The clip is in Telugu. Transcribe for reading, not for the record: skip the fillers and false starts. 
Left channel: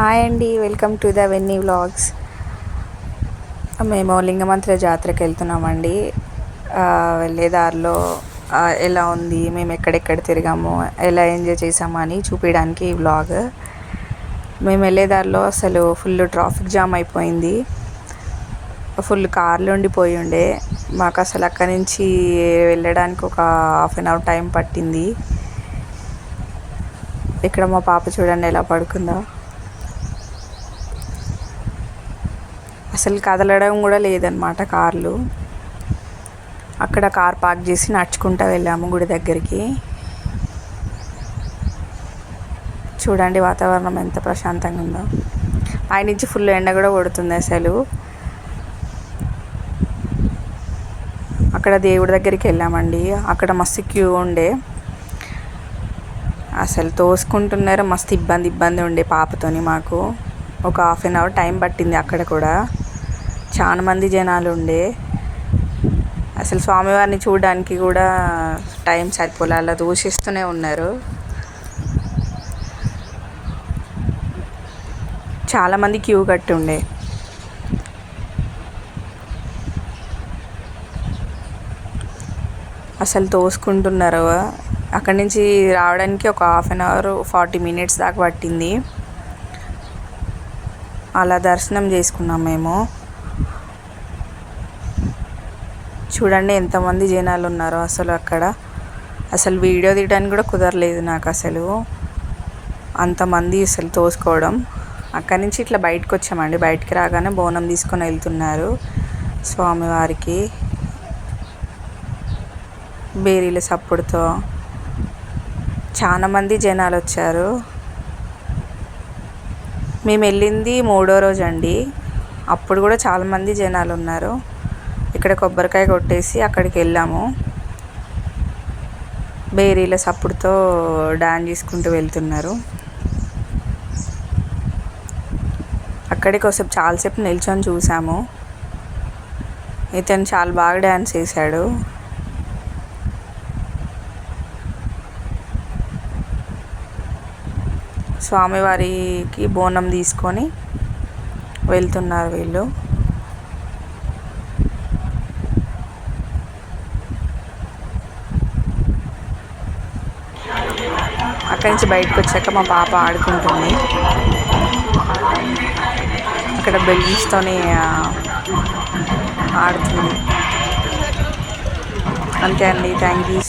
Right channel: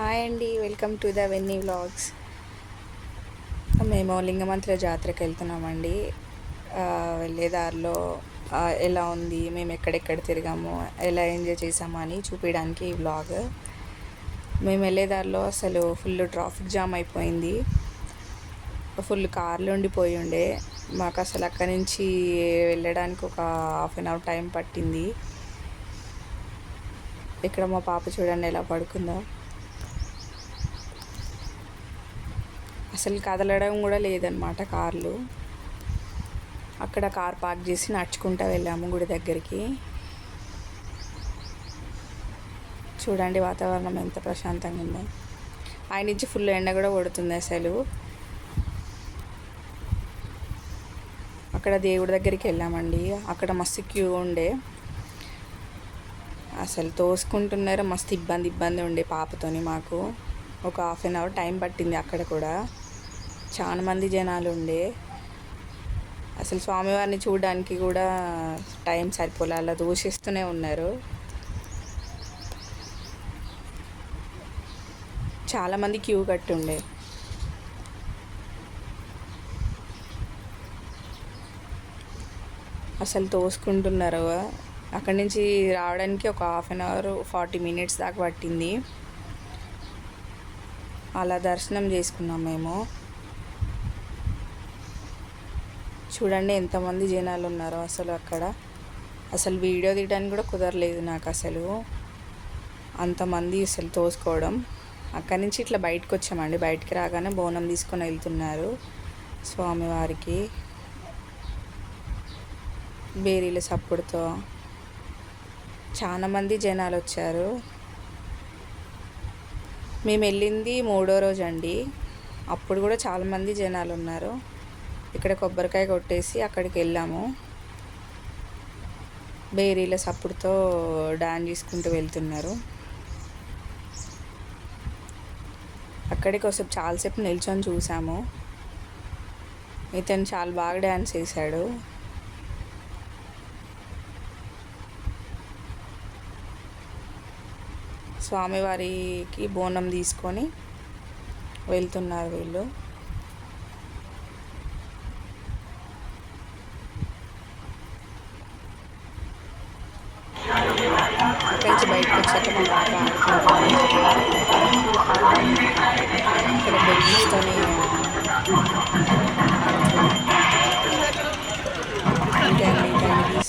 హాయ్ అండి, వెల్కమ్ టు ద వెన్నీ వ్లాగ్స్. మేము లింగమంత్ర జాతరకి వెళ్తున్నామండి. వెళ్ళే దారిలో ఎలా ఉంది, మేము ఎక్కడెక్కడ తిరిగాము, ఎలా ఎంజాయ్ చేసాము అని చూపించడానికి ఈ వ్లాగ్. మేము వెళ్ళే దారిలో అసలు ఫుల్ ట్రాఫిక్ జామ్ అయిపోయింది. ఫుల్ కార్లు ఉండిపోయి ఉండే. మాకు అసలు అక్కడి నుంచి వెళ్ళడానికి ఒక హాఫ్ అన్ అవర్ టైం పట్టింది. ఇక్కడ మా పాప చూడండి ఎలా పడుకుందో. అసలు కదలడం కూడా లేదనమాట కార్లు. అక్కడ కార్ పార్క్ చేసి నడుచుకుంటూ వెళ్ళాము గుడి దగ్గరికి. చూడండి వాతావరణం ఎంత ప్రశాంతంగా ఉందో. పైనుంచి ఫుల్ ఎండ కూడా కొడుతుంది అసలు. అక్కడ దేవుడి దగ్గరికి వెళ్ళామండి. అక్కడ మస్తు క్యూ ఉండే, అసలు తోసుకుంటున్నారు. మస్తు ఇబ్బంది ఉండే పాపతోని. మాకు ఒక హాఫ్ అన్ అవర్ టైం పట్టింది. అక్కడ కూడా చాలా మంది జనాలు ఉండే. అసలు స్వామివారిని చూడడానికి కూడా టైం సరిపోలే, అలా దూషిస్తూనే ఉన్నారు. చాలామంది క్యూ కట్టి ఉండే. అసలు తోసుకుంటున్నారు. అక్కడి నుంచి రావడానికి ఒక హాఫ్ అన్ అవర్ 40 మినిట్స్ దాకా పట్టింది. అలా దర్శనం చేసుకున్నాం మేము. చూడండి ఎంతమంది జనాలు ఉన్నారో అసలు అక్కడ. అసలు వీడియో తీయడానికి కూడా కుదరలేదు నాకు అసలు, అంతమంది అసలు తోసుకోవడం. అక్కడి నుంచి ఇట్లా బయటకు వచ్చామండి. బయటికి రాగానే బోనం తీసుకొని వెళ్తున్నారు స్వామివారికి. బేరీల సప్పుడుతో చాలా మంది జనాలు వచ్చారు. మేము వెళ్ళింది 3వ రోజు అండి. అప్పుడు కూడా చాలామంది జనాలు ఉన్నారు. ఇక్కడ కొబ్బరికాయ కొట్టేసి అక్కడికి వెళ్ళాము. బేరీల సప్పుడుతో డాన్స్ చేసుకుంటూ వెళ్తున్నారు. అక్కడికి ఒకసేపు చాలాసేపు నిల్చొని చూసాము. ఇతను చాలా బాగా డ్యాన్స్ చేశాడు. స్వామివారికి బోనం తీసుకొని వెళ్తున్నారు వీళ్ళు. అక్కడి నుంచి బయటకు వచ్చాక మా పాప ఆడుకుంటుంది. ఇక్కడ బెలూన్స్తోని ఆడుతుంది. అంతే అండి. Thank you.